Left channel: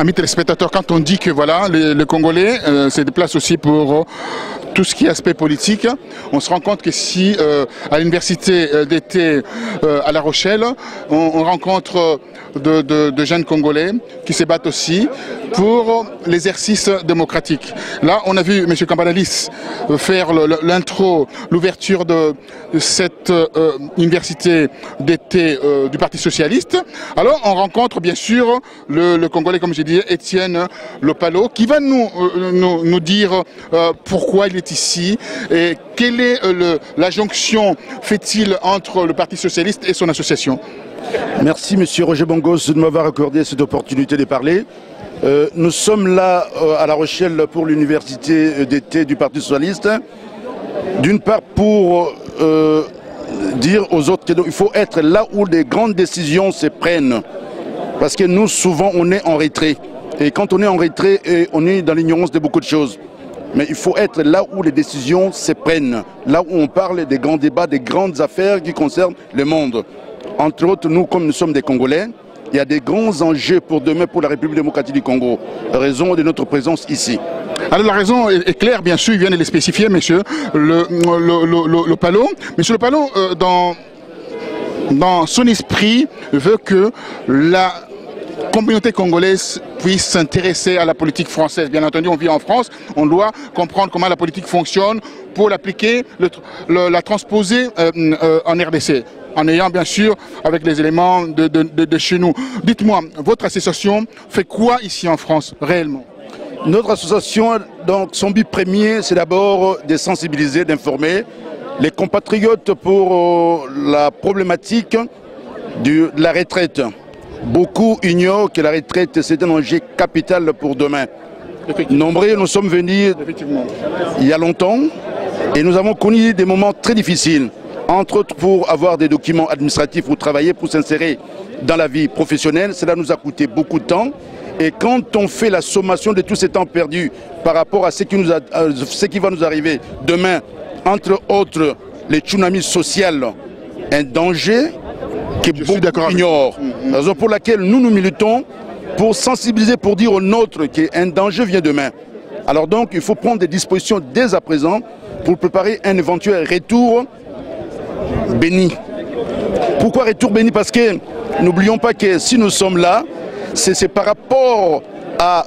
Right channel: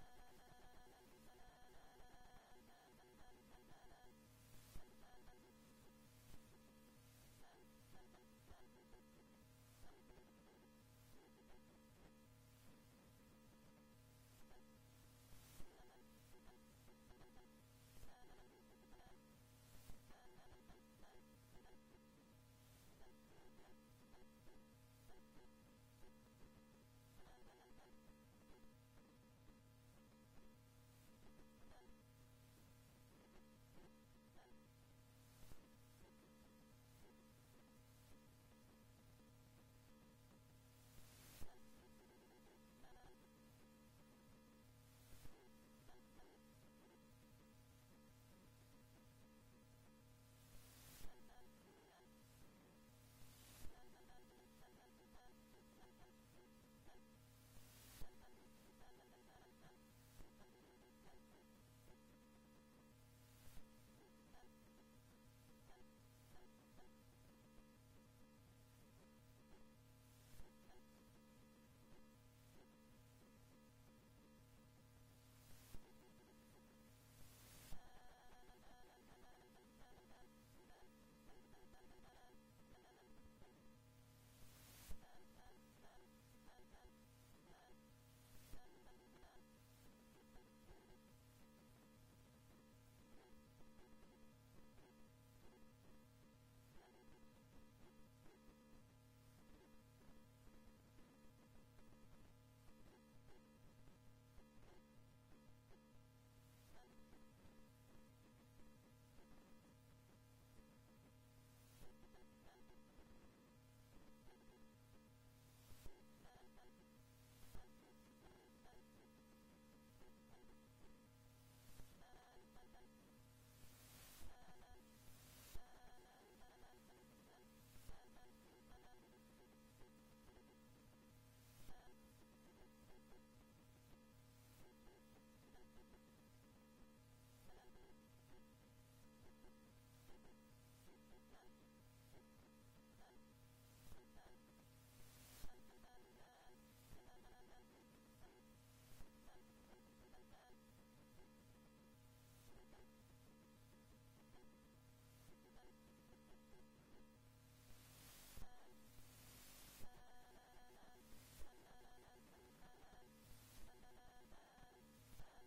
Amis téléspectateurs, quand on dit que voilà, le Congolais se déplace aussi pour tout ce qui est aspect politique, on se rend compte que si à l'université d'été à La Rochelle, on rencontre de jeunes Congolais qui se battent aussi pour l'exercice démocratique. Là, on a vu M. Kambalalis faire l'intro, l'ouverture de cette université d'été du Parti Socialiste. Alors, on rencontre bien sûr le Congolais, comme j'ai dit, Étienne Lopalo, qui va nous dire pourquoi il est ici et quelle est la jonction fait-il entre le Parti Socialiste et son association. Merci Monsieur Roger Bongos de m'avoir accordé cette opportunité de parler. Nous sommes là à La Rochelle pour l'université d'été du Parti Socialiste. D'une part pour dire aux autres qu'il faut être là où les grandes décisions se prennent. Parce que nous, souvent, on est en retrait. Et quand on est en retrait, on est dans l'ignorance de beaucoup de choses. Mais il faut être là où les décisions se prennent. Là où on parle des grands débats, des grandes affaires qui concernent le monde. Entre autres, nous, comme nous sommes des Congolais, il y a des grands enjeux pour demain pour la République démocratique du Congo. Raison de notre présence ici. Alors la raison est claire, bien sûr, il vient de les spécifier, monsieur Lopalo. Monsieur Lopalo, dans son esprit, veut que la communauté congolaise puisse s'intéresser à la politique française. Bien entendu, on vit en France, on doit comprendre comment la politique fonctionne pour l'appliquer, la transposer en RDC. En ayant bien sûr avec les éléments de chez nous. Dites-moi, votre association fait quoi ici en France réellement? Notre association, donc, son but premier, c'est d'abord de sensibiliser, d'informer les compatriotes pour la problématique de la retraite. Beaucoup ignorent que la retraite, c'est un enjeu capital pour demain. Nombreux, nous sommes venus il y a longtemps et nous avons connu des moments très difficiles. Entre autres pour avoir des documents administratifs pour travailler, pour s'insérer dans la vie professionnelle. Cela nous a coûté beaucoup de temps. Et quand on fait la sommation de tous ces temps perdus par rapport à ce qui va nous arriver demain, entre autres les tsunamis sociaux, un danger que beaucoup ignorent. Raison pour laquelle nous militons pour sensibiliser, pour dire aux nôtres qu'un danger vient demain. Alors donc il faut prendre des dispositions dès à présent pour préparer un éventuel retour béni. Pourquoi retour béni? Parce que n'oublions pas que si nous sommes là, c'est par rapport à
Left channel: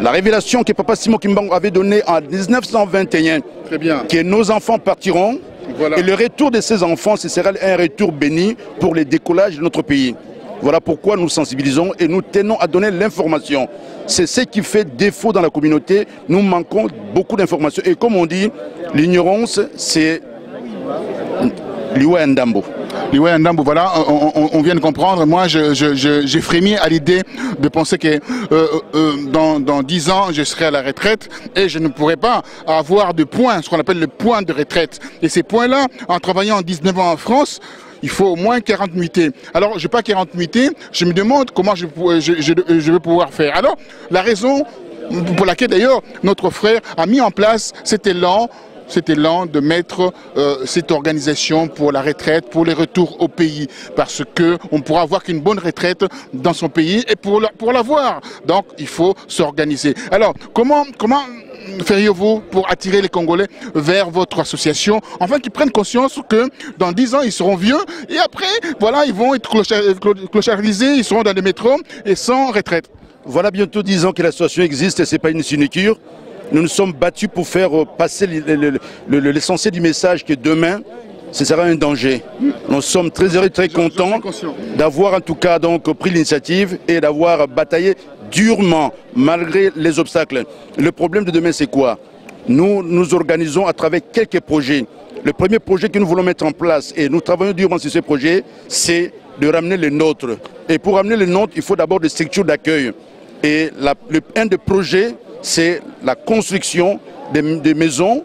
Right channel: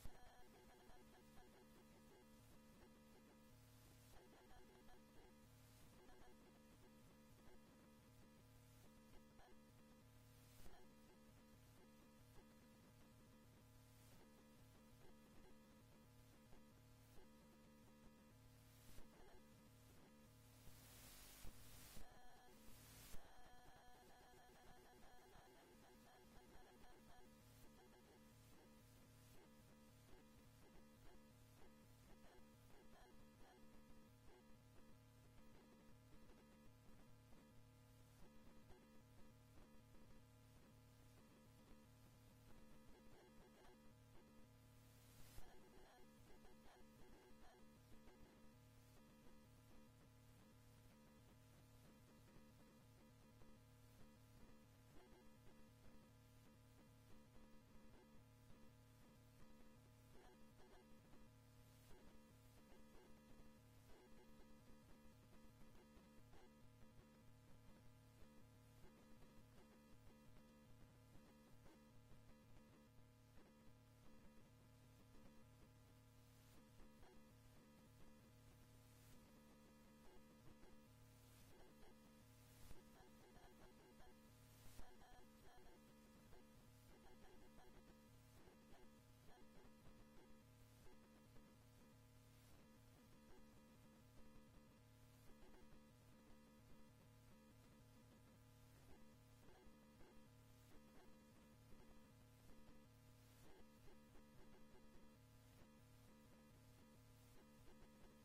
la révélation que Papa Simon Kimbangu avait donnée en 1921. Très bien. Que nos enfants partiront. Voilà. Et le retour de ces enfants, ce sera un retour béni pour le décollage de notre pays. Voilà pourquoi nous sensibilisons et nous tenons à donner l'information. C'est ce qui fait défaut dans la communauté. Nous manquons beaucoup d'informations. Et comme on dit, l'ignorance, c'est Liwa Ndambo. Liwa Ndambo, voilà, on vient de comprendre. Moi, j'ai frémi à l'idée de penser que dans 10 ans, je serai à la retraite et je ne pourrai pas avoir de points, ce qu'on appelle le point de retraite. Et ces points-là, en travaillant 19 ans en France, il faut au moins 40 nuitées. Alors, je n'ai pas 40 nuitées, je me demande comment je vais pouvoir faire. Alors, la raison pour laquelle d'ailleurs notre frère a mis en place cet élan de mettre cette organisation pour la retraite, pour les retours au pays, parce qu'on ne pourra avoir qu'une bonne retraite dans son pays et pour l'avoir. Donc il faut s'organiser. Alors comment feriez-vous pour attirer les Congolais vers votre association, afin qu'ils prennent conscience que dans 10 ans ils seront vieux et après voilà ils vont être clochardisés, ils seront dans les métros et sans retraite? Voilà bientôt 10 ans que l'association existe et ce n'est pas une sinecure. Nous nous sommes battus pour faire passer l'essentiel du message que demain, ce sera un danger. Nous sommes très heureux, très contents d'avoir en tout cas donc pris l'initiative et d'avoir bataillé durement malgré les obstacles. Le problème de demain, c'est quoi? Nous nous organisons à travers quelques projets. Le premier projet que nous voulons mettre en place, et nous travaillons durement sur ce projet, c'est de ramener les nôtres. Et pour ramener les nôtres, il faut d'abord des structures d'accueil. Et un des projets, c'est la construction des maisons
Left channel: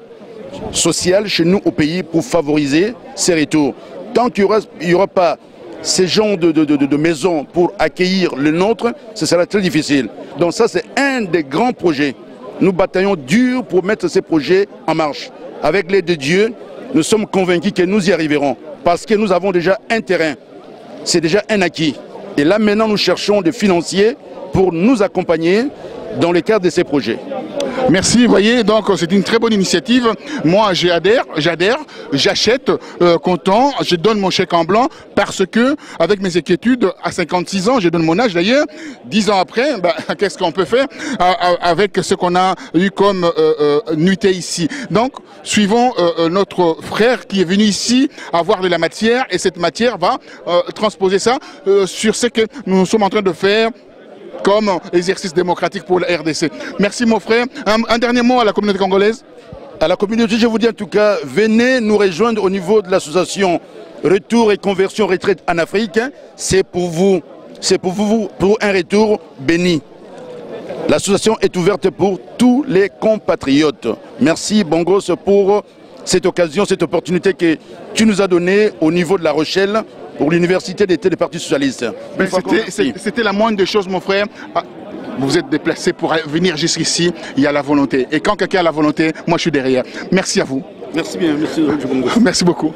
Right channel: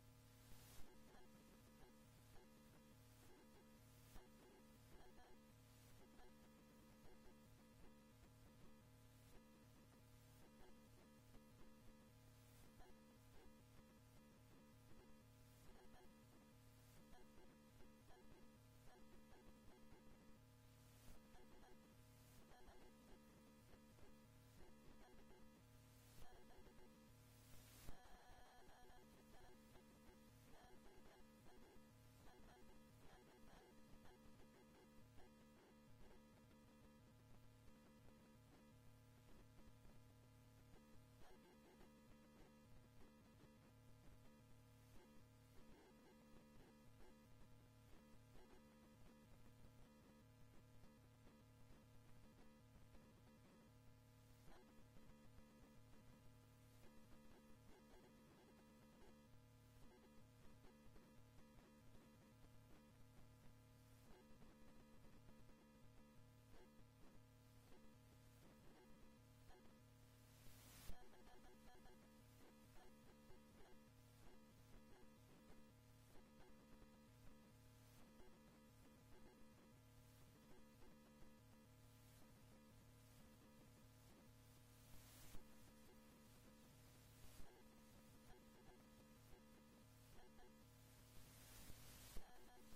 sociales chez nous au pays pour favoriser ces retours. Tant qu'il n'y aura pas ces genres de maisons pour accueillir le nôtre, ce sera très difficile. Donc ça, c'est un des grands projets. Nous bataillons dur pour mettre ces projets en marche. Avec l'aide de Dieu, nous sommes convaincus que nous y arriverons. Parce que nous avons déjà un terrain. C'est déjà un acquis. Et là, maintenant, nous cherchons des financiers pour nous accompagner dans le cadre de ces projets. Merci, vous voyez, donc c'est une très bonne initiative. Moi, j'adhère, j'achète, content, je donne mon chèque en blanc parce que, avec mes inquiétudes, à 56 ans, je donne mon âge d'ailleurs, 10 ans après, qu'est-ce qu'on peut faire avec ce qu'on a eu comme nuitée ici. Donc, suivons notre frère qui est venu ici avoir de la matière et cette matière va transposer ça sur ce que nous sommes en train de faire comme exercice démocratique pour la RDC. Merci mon frère. Un dernier mot à la communauté congolaise. À la communauté, je vous dis en tout cas, venez nous rejoindre au niveau de l'association Retour et Conversion Retraite en Afrique. C'est pour vous, pour un retour béni. L'association est ouverte pour tous les compatriotes. Merci Bongos pour cette occasion, cette opportunité que tu nous as donnée au niveau de La Rochelle, pour l'université d'été des partis socialistes. C'était la moindre des choses, mon frère. Vous vous êtes déplacé pour venir jusqu'ici, il y a la volonté. Et quand quelqu'un a la volonté, moi je suis derrière. Merci à vous. Merci bien, merci. Merci beaucoup.